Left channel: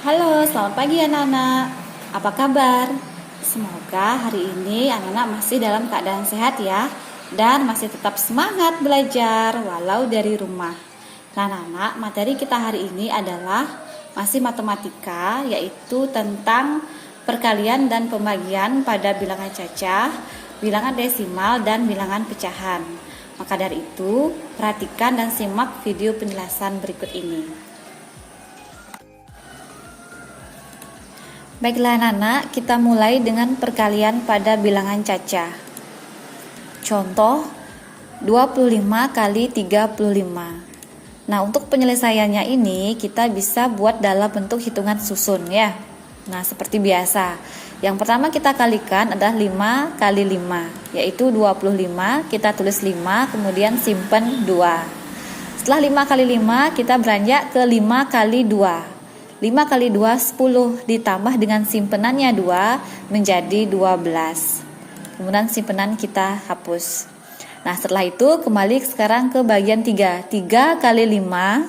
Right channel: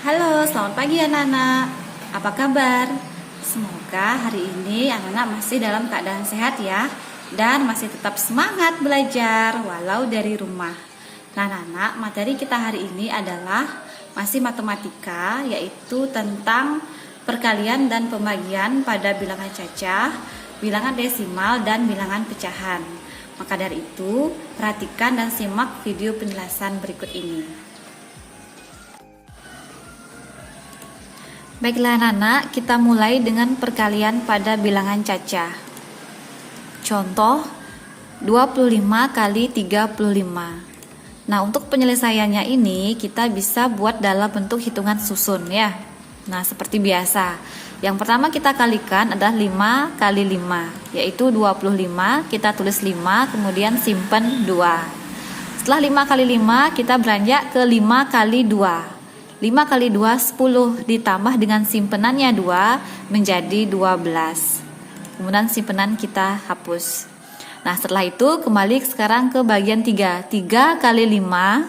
Halo, selamat pagi anak-anak. Apa kabar? Semoga hari ini anak-anak masih dalam keadaan sehat ya, dan masih tetap semangat belajar walau dari rumah. Nah anak-anak, materi kita hari ini adalah masih matematika, yaitu tentang perkalian dan pembagian pada bilangan cacah, bilangan desimal, dan bilangan pecahan. Maka dari itu, perhatikan dan simak video penjelasan berikut ini. Baiklah anak-anak, kita mulai dengan perkalian pada bilangan cacah. Contoh 25 kali 35. Nah, untuk penyelesaiannya ini kita bisa buat dalam bentuk hitungan susun ya. Nah, seperti biasa. Yang pertama kita kalikan adalah 5 kali 5, yaitu 25, kita tulis 5, kemudian simpen 2. Setelah 5 kali 5, kita beranjak ke 5 kali 2. 5 kali 2, 10, ditambah dengan simpenannya 2 menjadi 12. Kemudian simpenan kita hapus. Nah, setelah itu kembali sekarang ke bagian 3. 3 kali 5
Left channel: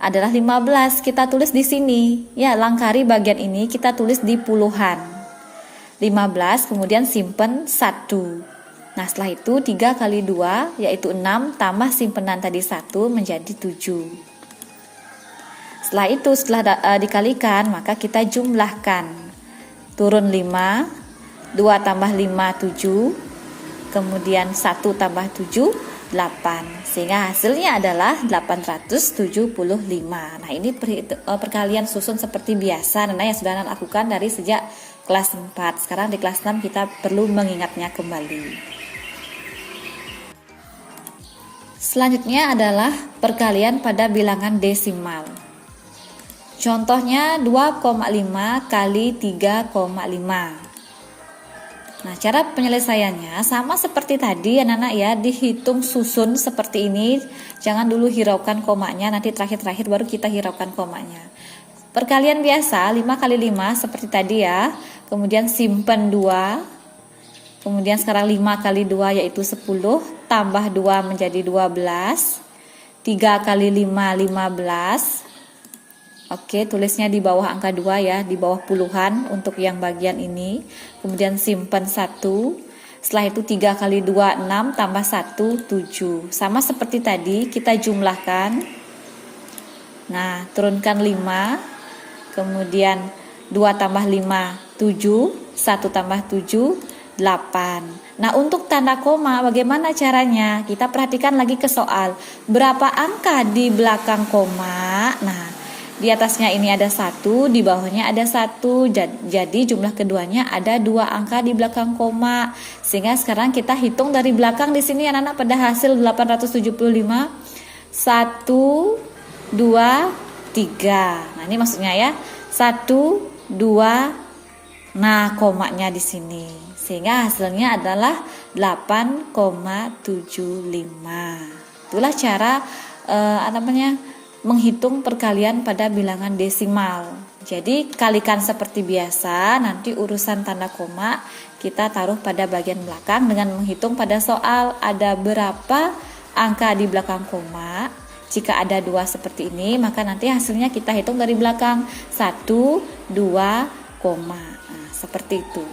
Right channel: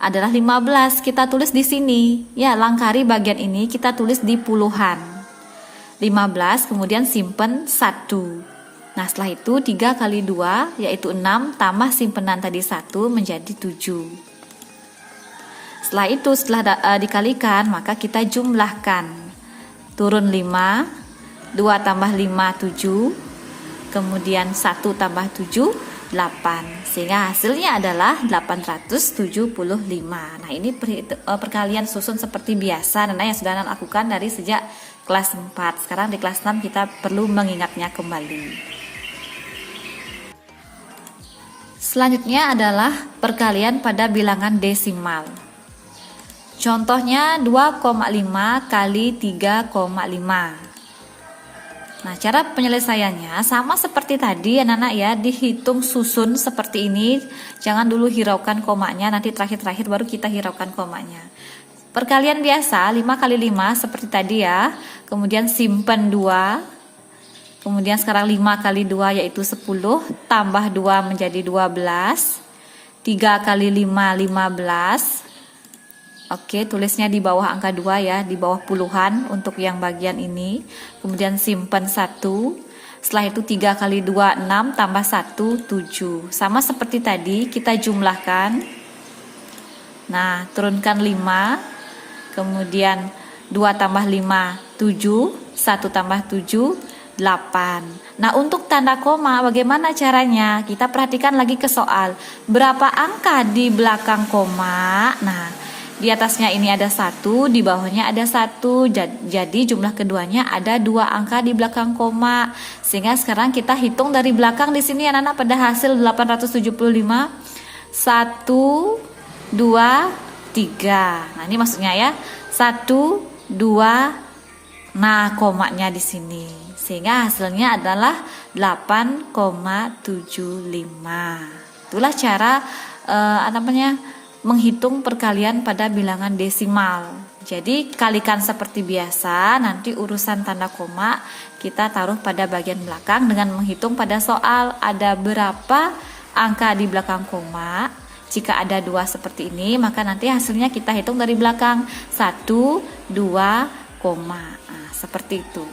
adalah 15. Kita tulis di sini. Ya, langkari bagian ini kita tulis di puluhan. 15, kemudian simpen 1. Nah, setelah itu 3 kali 2 yaitu 6 tambah simpenan tadi 1 menjadi 7. Setelah itu, setelah dikalikan, maka kita jumlahkan. Turun 5, 2 tambah 5, 7. Kemudian 1 tambah 7, 8. Sehingga hasilnya adalah 875. Nah, ini perkalian susun seperti biasa yang sudah Anda lakukan dari sejak kelas 4. Sekarang di kelas 6 kita perlu mengingatnya kembali. Selanjutnya adalah perkalian pada bilangan desimal. Contohnya 2,5 kali 3,5. Nah, cara penyelesaiannya sama seperti tadi anak-anak ya, dihitung susun seperti ini. Jangan dulu hiraukan komanya, nanti terakhir-terakhir baru kita hiraukan komanya. Perkalian biasa 5 kali 5 seperti tadi ya. Kemudian simpen 2. Kemudian sekarang 5 kali 2 yaitu 10, tambah 2 menjadi 12. 3 kali 5, 15. Oke, tulisnya di bawah angka 2 ya, di bawah puluhan untuk yang bagian ini. Kemudian simpen 1. Setelah itu 3 kali 2, 6, tambah 1, 7. Sama seperti tadi, kita jumlahkan. Nah, turunkan 5. Kemudian 2 tambah 5, 7. 1 tambah 7, 8. Nah, untuk tanda koma bagaimana caranya? Kita perhatikan lagi ke soal. Berapa angka di belakang koma? Nah, di atasnya ini ada 1, di bawahnya ada 1. Jadi jumlah keduanya ada 2 angka di belakang koma. Sehingga sekarang kita hitung dari belakang di sini anak-anak pada hasil 875. 1, 2, 3. Nah, ini maksudnya ya. 1, 2. Nah, komanya di sini. Sehingga hasilnya adalah 8,75. Itulah cara menghitung perkalian pada bilangan desimal. Jadi kalikan seperti biasa, nanti urusan tanda koma kita taruh pada bagian belakang dengan menghitung pada soal ada berapa angka di belakang koma. Jika ada 2 seperti ini, maka nanti hasilnya kita hitung dari belakang 1, 2, koma. Nah, seperti itu.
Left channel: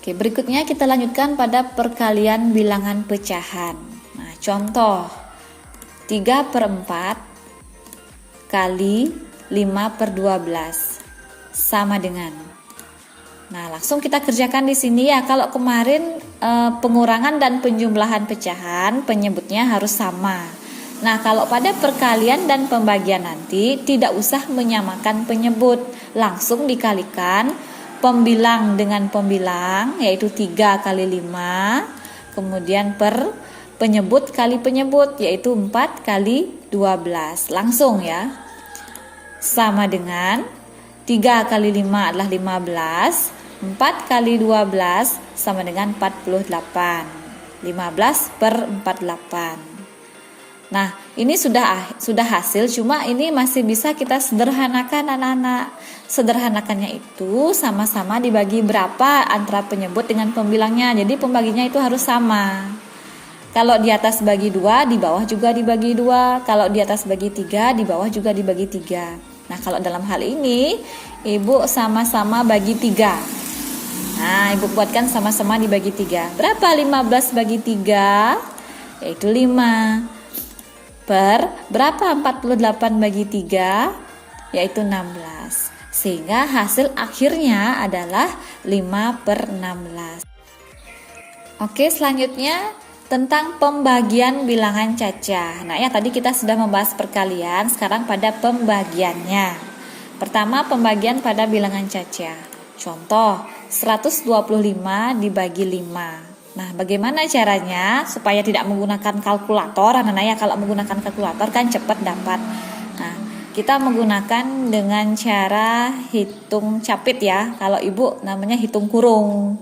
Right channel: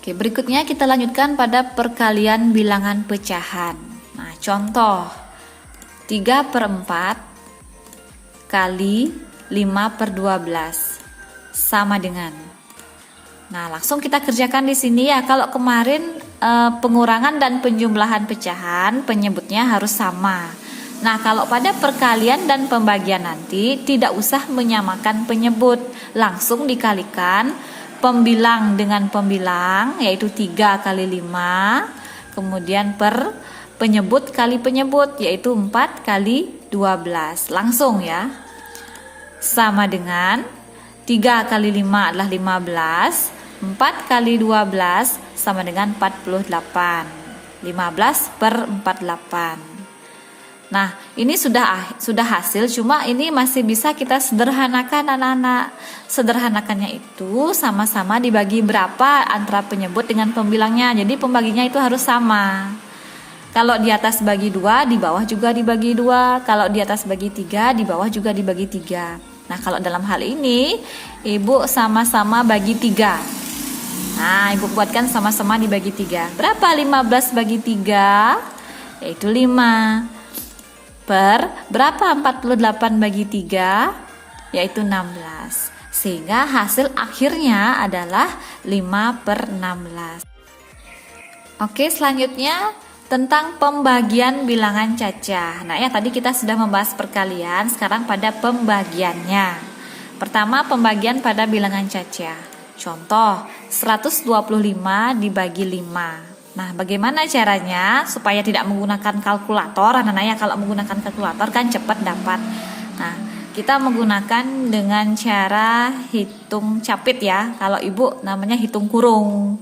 Oke, berikutnya kita lanjutkan pada perkalian bilangan pecahan. Nah, contoh 3/4 kali 5/12 sama dengan. Nah, langsung kita kerjakan di sini ya. Kalau kemarin pengurangan dan penjumlahan pecahan, penyebutnya harus sama. Nah, kalau pada perkalian dan pembagian nanti tidak usah menyamakan penyebut, langsung dikalikan pembilang dengan pembilang, yaitu 3 kali 5, kemudian per penyebut kali penyebut, yaitu 4 kali 12. Langsung ya. Sama dengan 3 kali 5 adalah 15. 4 kali 12 sama dengan 48. 15/48. Nah, ini sudah hasil, cuma ini masih bisa kita sederhanakan anak-anak. Sederhanakannya itu sama-sama dibagi berapa antara penyebut dengan pembilangnya. Jadi pembaginya itu harus sama. Kalau di atas bagi 2, di bawah juga dibagi 2. Kalau di atas bagi 3, di bawah juga dibagi 3. Nah, kalau dalam hal ini Ibu sama-sama bagi 3. Nah, Ibu buatkan sama-sama dibagi 3. Berapa 15 bagi 3? Yaitu 5. Per berapa 48 bagi 3? Yaitu 16. Sehingga hasil akhirnya adalah 5/16. Oke, selanjutnya tentang pembagian bilangan cacah. Nah, ya tadi kita sudah membahas perkalian, sekarang pada pembagiannya. Pertama, pembagian pada bilangan cacah. Contoh, 125 dibagi 5. Nah, bagaimana caranya supaya tidak menggunakan kalkulator? Anak-anak ya, kalau menggunakan kalkulator kan cepat dapat. Nah, kita menggunakan dengan cara hitung capit ya. Kalau Ibu namanya hitung kurung.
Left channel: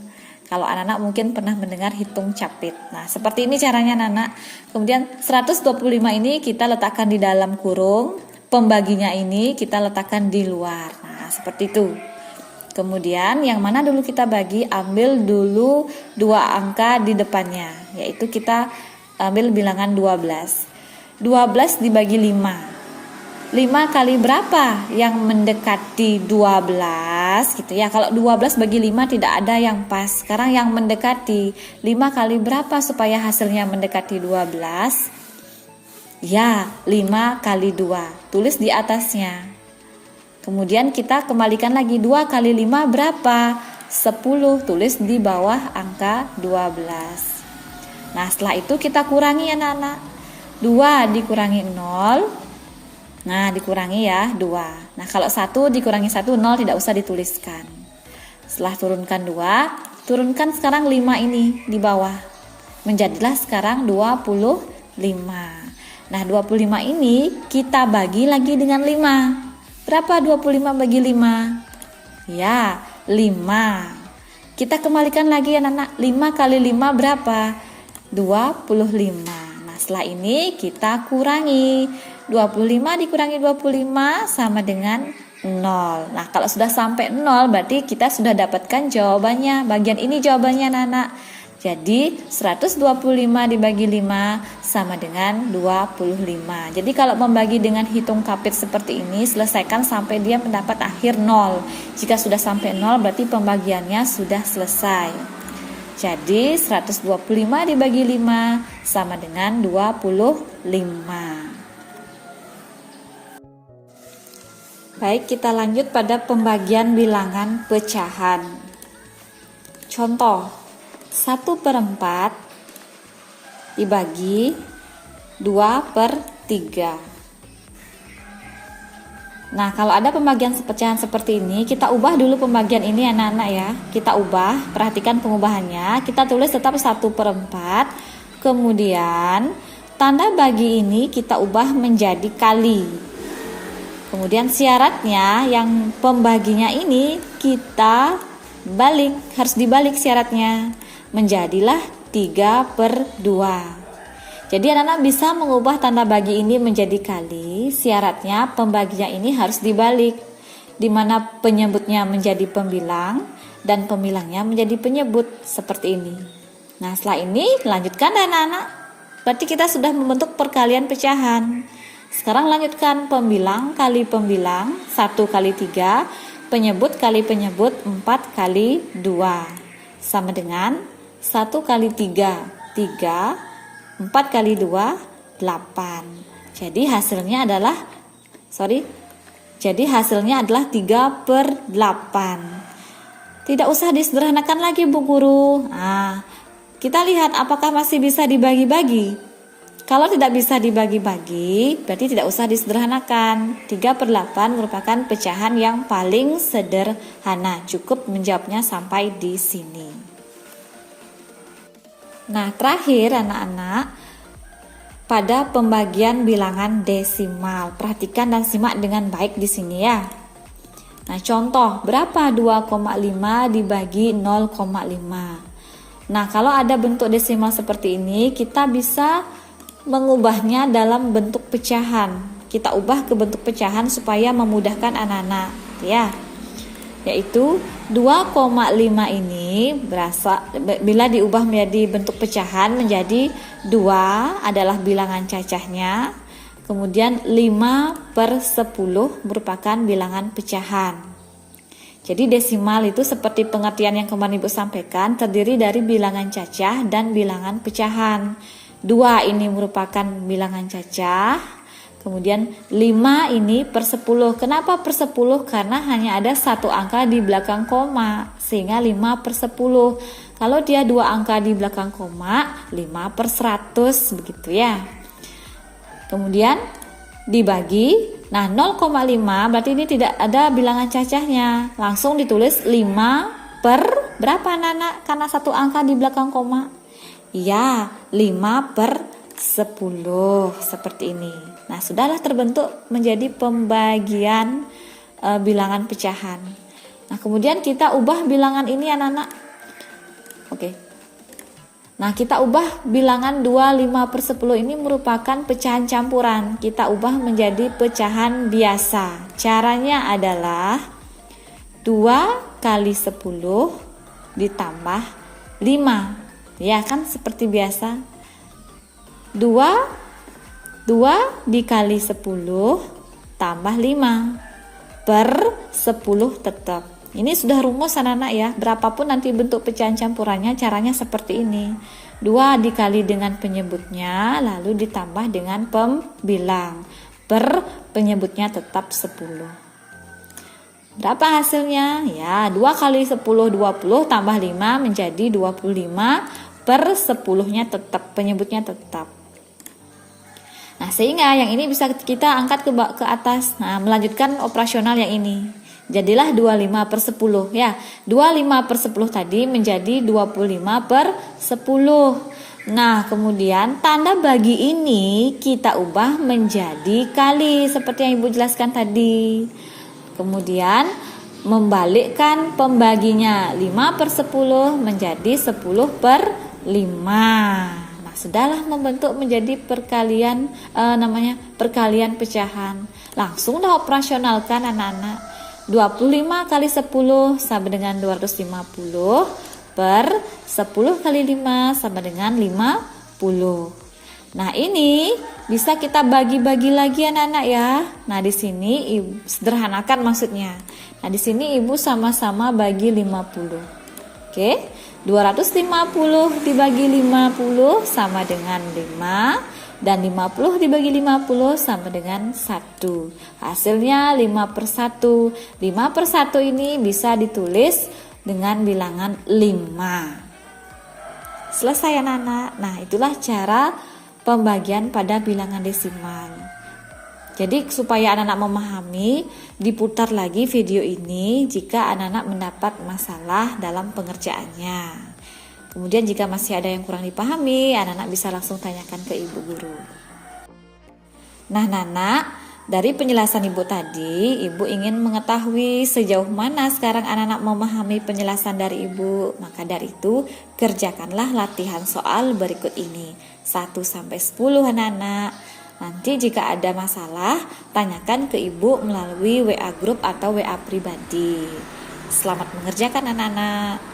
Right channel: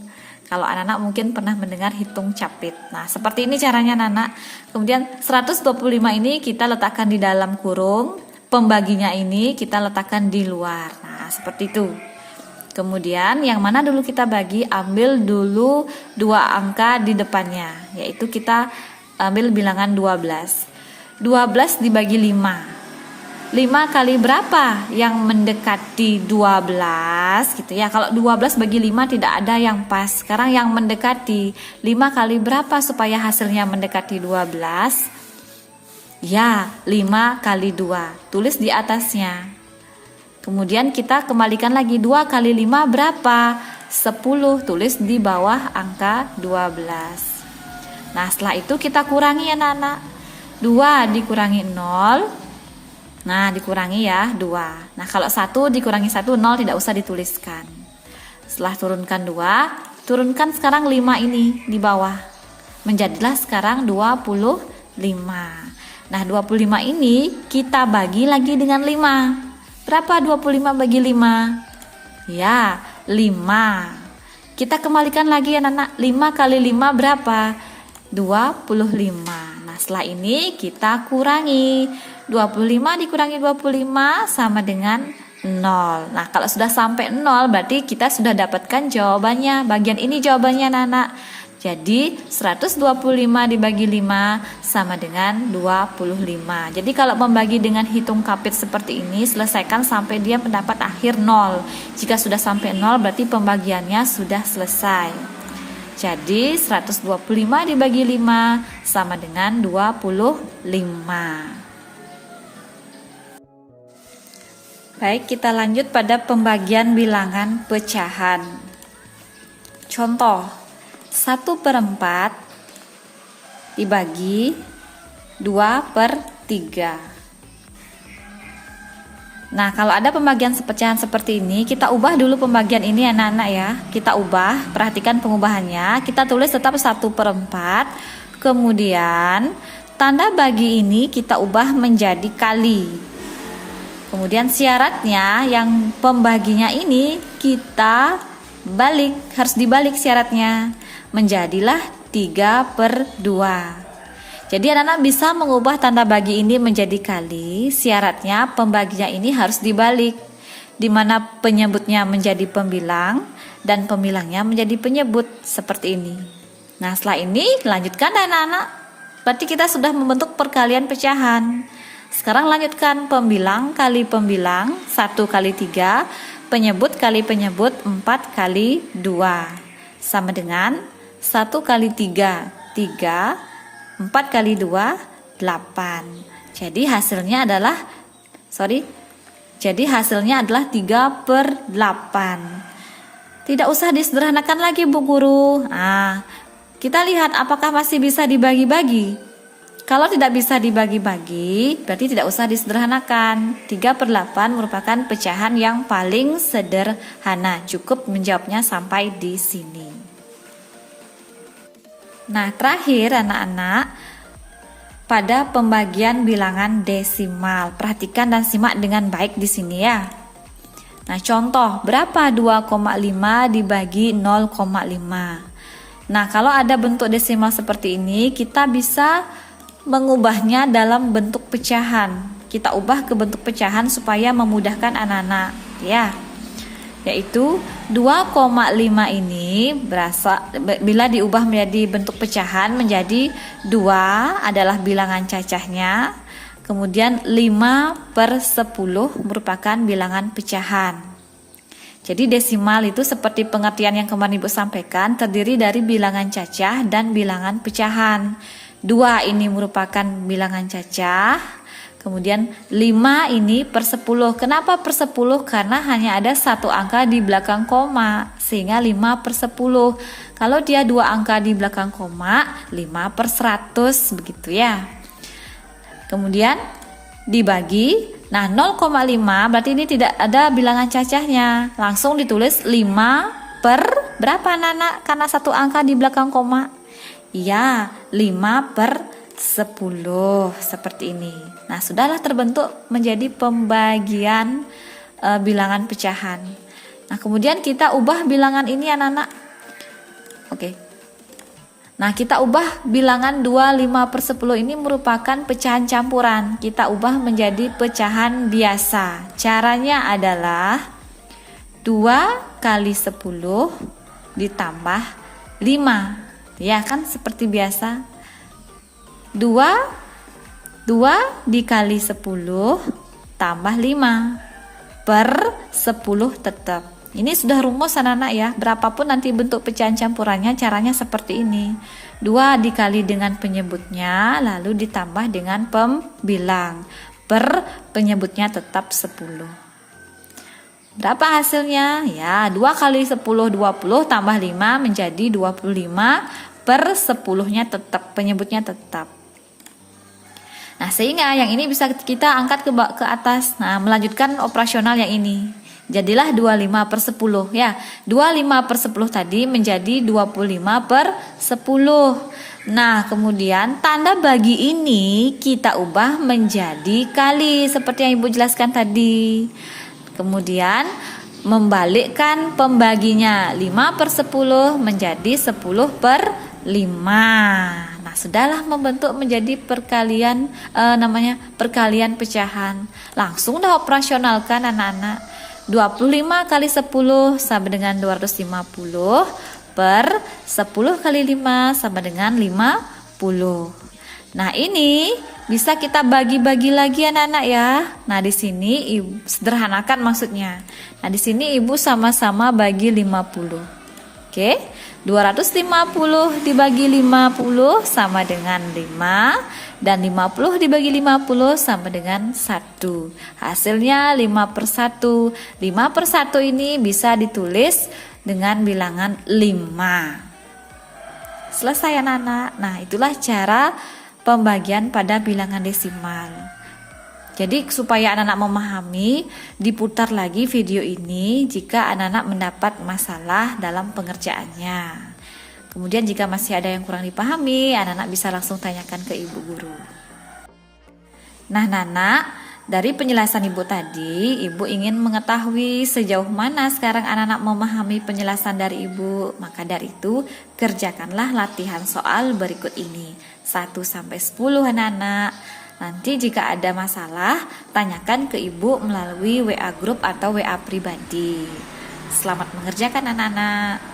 Kalau anak-anak mungkin pernah mendengar hitung capit. Nah, seperti ini caranya anak-anak. Kemudian 125 ini kita letakkan di dalam kurung. Pembaginya ini kita letakkan di luar. Nah, seperti itu. Kemudian yang mana dulu kita bagi, ambil dulu 2 angka di depannya, yaitu kita ambil bilangan 12. 12 dibagi 5. 5 kali berapa yang mendekati 12 gitu ya. Kalau 12 bagi 5 tidak ada yang pas. Sekarang yang mendekati 5 kali berapa supaya hasilnya mendekati 12? Ya, 5 kali 2. Tulis di atasnya. Kemudian kita kembalikan lagi 2 kali 5 berapa? 10, tulis di bawah angka 12. Nah, setelah itu kita kurangi anak-anak. 2 dikurangi 0. Nah, dikurangi ya 2. Nah, kalau 1 dikurangi 1, 0 tidak usah dituliskan. Setelah turunkan 2, turunkan sekarang 5 ini di bawah. Menjadilah sekarang 25. Nah, 25 ini kita bagi lagi dengan 5. Berapa 25 bagi 5? Ya, 5. Kita kembalikan lagi ya anak-anak. 5 kali 5 berapa? 25. Nah, setelah ini kita kurangi. 25 dikurangi 25 sama dengan 0. Nah, kalau sudah sampai 0 berarti kita sudah dapatkan jawabannya. Bagian ini jawabannya anak-anak. Jadi 125 dibagi 5 sama dengan 25. Jadi kalau membagi dengan hitung kapit seperti ini, selesaikan sampai dia mendapat akhir 0. Jika sudah sampai 0 berarti pembagiannya sudah selesai. Jadi 125 dibagi 5 sama dengan 25. Baik, kita lanjut pada pembagian bilangan pecahan. Contoh, 1/4 dibagi 2/3. Nah, kalau ada pembagian pecahan seperti ini, kita ubah dulu pembagian ini anak-anak ya. Kita ubah, perhatikan pengubahannya. Kita tulis tetap 1/4. Kemudian tanda bagi ini kita ubah menjadi kali. Kemudian syaratnya yang pembaginya ini kita balik, harus dibalik syaratnya. Menjadilah 3/2. Jadi anak-anak bisa mengubah tanda bagi ini menjadi kali. Syaratnya pembaginya ini harus dibalik, di mana penyebutnya menjadi pembilang dan pembilangnya menjadi penyebut seperti ini. Nah, setelah ini lanjutkan anak-anak. Berarti kita sudah membentuk perkalian pecahan. Sekarang lanjutkan pembilang kali pembilang, 1 kali 3, penyebut kali penyebut, 4 kali 2. Sama dengan 1 kali 3, 3, 4 kali 2, 8. Jadi hasilnya adalah 3/8. Tidak usah disederhanakan lagi Bu Guru. Nah, kita lihat apakah masih bisa dibagi-bagi. Kalau tidak bisa dibagi-bagi, berarti tidak usah disederhanakan. 3/8 merupakan pecahan yang paling sederhana. Cukup menjawabnya sampai di sini. Nah, terakhir anak-anak, pada pembagian bilangan desimal. Perhatikan dan simak dengan baik di sini ya. Nah, contoh, berapa 2,5 dibagi 0,5? Nah, kalau ada bentuk desimal seperti ini, kita bisa mengubahnya dalam bentuk pecahan. Kita ubah ke bentuk pecahan supaya memudahkan anak-anak ya. Yaitu 2,5 ini bila diubah menjadi bentuk pecahan menjadi 2 adalah bilangan cacahnya. Kemudian 5/10 merupakan bilangan pecahan. Jadi desimal itu seperti pengertian yang kemarin Ibu sampaikan, terdiri dari bilangan cacah dan bilangan pecahan. 2 ini merupakan bilangan cacah. Kemudian 5 ini per 10. Kenapa per 10? Karena hanya ada satu angka di belakang koma, sehingga 5/10. Kalau dia 2 angka di belakang koma, 5/100 begitu ya. Kemudian dibagi, nah 0,5 berarti ini tidak ada bilangan cacahnya, langsung ditulis 5 per berapa anak-anak, karena satu angka di belakang koma. Ya, 5/10 seperti ini. Nah, sudahlah terbentuk menjadi pembagian bilangan pecahan. Nah, kemudian kita ubah bilangan ini anak-anak. Oke. Nah, kita ubah bilangan 2, 5/10 ini merupakan pecahan campuran. Kita ubah menjadi pecahan biasa. Caranya adalah 2 kali 10 ditambah 5. Ya kan, seperti biasa. 2 dikali 10 tambah 5 per 10 tetap. Ini sudah rumus anak-anak ya, berapapun nanti bentuk pecahan campurannya caranya seperti ini. 2 dikali dengan penyebutnya lalu ditambah dengan pembilang per penyebutnya tetap 10. Berapa hasilnya? Ya, 2 kali 10 20 tambah 5 menjadi 25 per 10-nya tetap, penyebutnya tetap. Nah, sehingga yang ini bisa kita angkat ke atas. Nah, melanjutkan operasional yang ini. Jadilah 25/10 ya. 25/10 tadi menjadi 25/10. Nah, kemudian tanda bagi ini kita ubah menjadi kali seperti yang Ibu jelaskan tadi. Kemudian membalikkan pembaginya, 5/10 menjadi 10/5. Nah, sudahlah membentuk menjadi perkalian perkalian pecahan. Langsung dah operasionalkan anak-anak. 25 kali 10 sama dengan 250 per 10 kali 5 sama dengan 50. Nah, ini bisa kita bagi-bagi lagi anak-anak ya. Nah, di sini Ibu sederhanakan maksudnya. Nah, di sini Ibu sama-sama bagi 50. Oke. 250 dibagi 50 sama dengan 5. Dan 50 dibagi 50 sama dengan 1. Hasilnya 5/1. 5/1 ini bisa ditulis dengan bilangan 5. Selesai anak-anak. Nah, itulah cara pembagian pada bilangan desimal. Jadi supaya anak-anak memahami, diputar lagi video ini jika anak-anak mendapat masalah dalam pengerjaannya. Kemudian jika masih ada yang kurang dipahami, anak-anak bisa langsung tanyakan ke ibu guru. Nah, anak-anak, dari penjelasan ibu tadi, ibu ingin mengetahui sejauh mana sekarang anak-anak memahami penjelasan dari ibu. Maka dari itu, kerjakanlah latihan soal berikut ini. 1-10 anak-anak. Nanti jika ada masalah, tanyakan ke ibu melalui WA grup atau WA pribadi. Selamat mengerjakan anak-anak.